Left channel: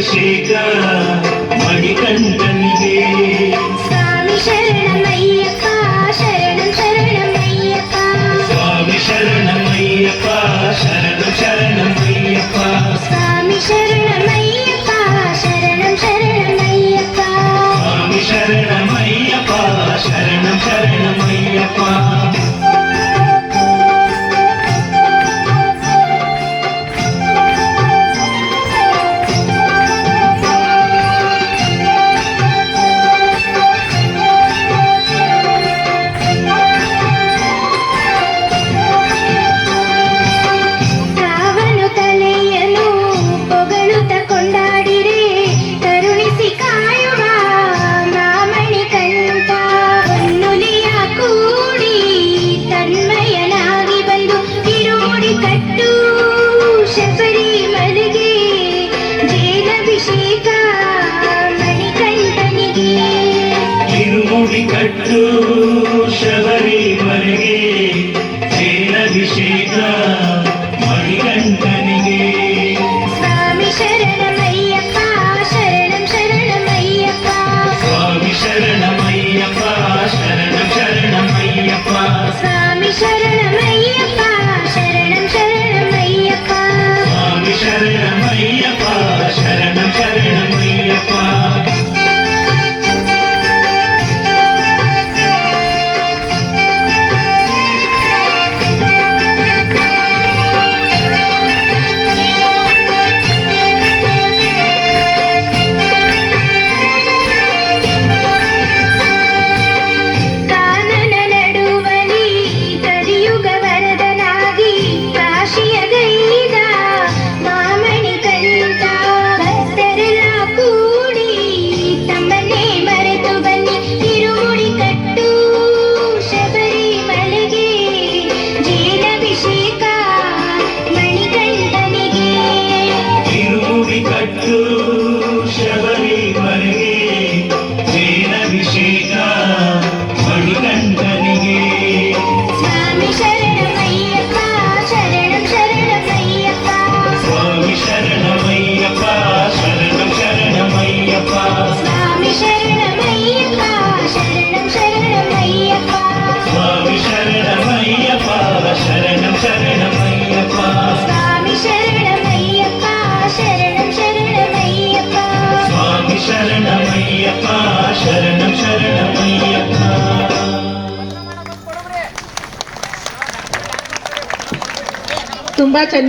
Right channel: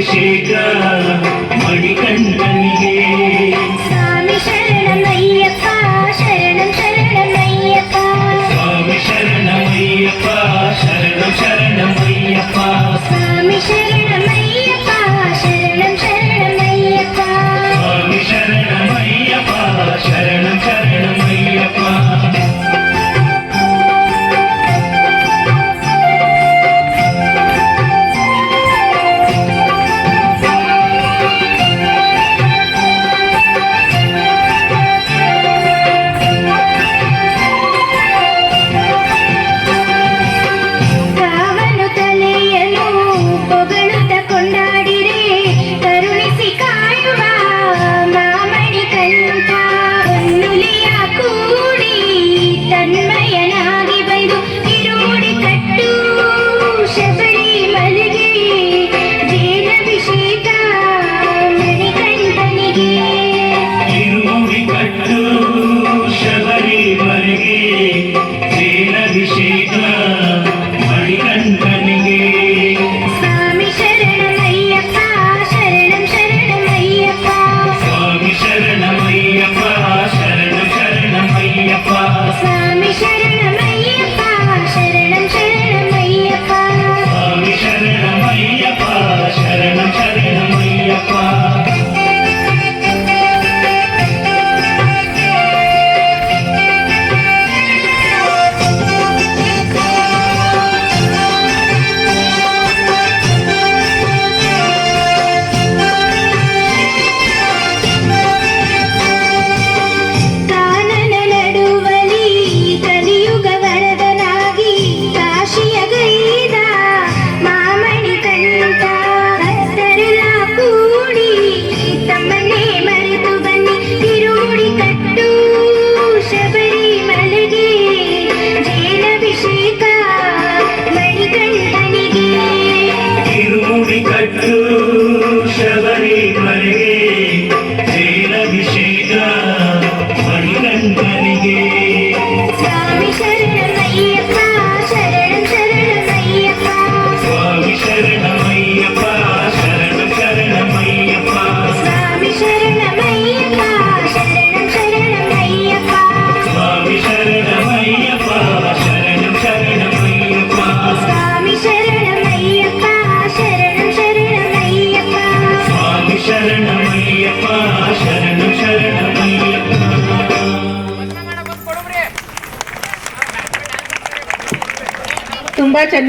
ಜೇನಭಿಷೇಕ ಮಣಿಕಂಠನಿಗೆ ಸ್ವಾಮಿ ಶರಣಮಯ್ಯಪ್ಪ ಶರಣಂ ಶರಣಮಯ್ಯಪ್ಪ ಸ್ವಾಮಿ ಶರಣಮಯ್ಯಪ್ಪ ಶರಣಂ ಶರಣಮಯ್ಯಪ್ಪ ಸ್ವಾಮಿ ಶರಣಮಯ್ಯಪ್ಪ ಶರಣಂ ಶರಣಮಯ್ಯಪ್ಪ ಸ್ವಾಮಿ ಶರಣಮಯ್ಯಪ್ಪ ಶರಣಂ ಶರಣಮಯ್ಯಪ್ಪ ಜೇನಭಿಷೇಕ ಮಣಿಕಂಠನಿಗೆ ಸ್ವಾಮಿ ಶರಣಮಯ್ಯಪ್ಪ ಶರಣಂ ಶರಣಮಯ್ಯಪ್ಪ ಸ್ವಾಮಿ ಶರಣಮಯ್ಯಪ್ಪ ಶರಣಂ ಶರಣಮಯ್ಯಪ್ಪ ಸ್ವಾಮಿ ಶರಣಮಯ್ಯಪ್ಪ ಶರಣಂ ಶರಣಮಯ್ಯಪ್ಪ ಸ್ವಾಮಿ ಶರಣಮಯ್ಯಪ್ಪ ಶರಣಂ ಶರಣಮಯ್ಯಪ್ಪ ಕಟ್ಟು ಶಬರಿಮಲೆಗೆ ಜೇನಭಿಷೇಕ ಮಣಿಕಂಠನಿಗೆ ಸ್ವಾಮಿ ಶರಣಮಯ್ಯಪ್ಪ ಶರಣಂ ಶರಣಮಯ್ಯಪ್ಪ ಸ್ವಾಮಿ ಶರಣಮಯ್ಯಪ್ಪ ಶರಣಂ ಶರಣಮಯ್ಯಪ್ಪ ಸ್ವಾಮಿ ಶರಣಮಯ್ಯಪ್ಪ ಶರಣಂ ಶರಣಮಯ್ಯಪ್ಪ ಸ್ವಾಮಿ ಶರಣಮಯ್ಯಪ್ಪ ಶರಣಂ ಶರಣಮಯ್ಯಪ್ಪ ಸ್ವಾಮಿ ಶರಣಮಯ್ಯಪ್ಪ ಶರಣಂ ಶರಣಮಯ್ಯಪ್ಪ ಸ್ವಾಮಿ ಶರಣಮಯ್ಯಪ್ಪ ಶರಣಂ ಶರಣಮಯ್ಯಪ್ಪ ತುಂಬಾ ಚೆನ್ನಾಗಿ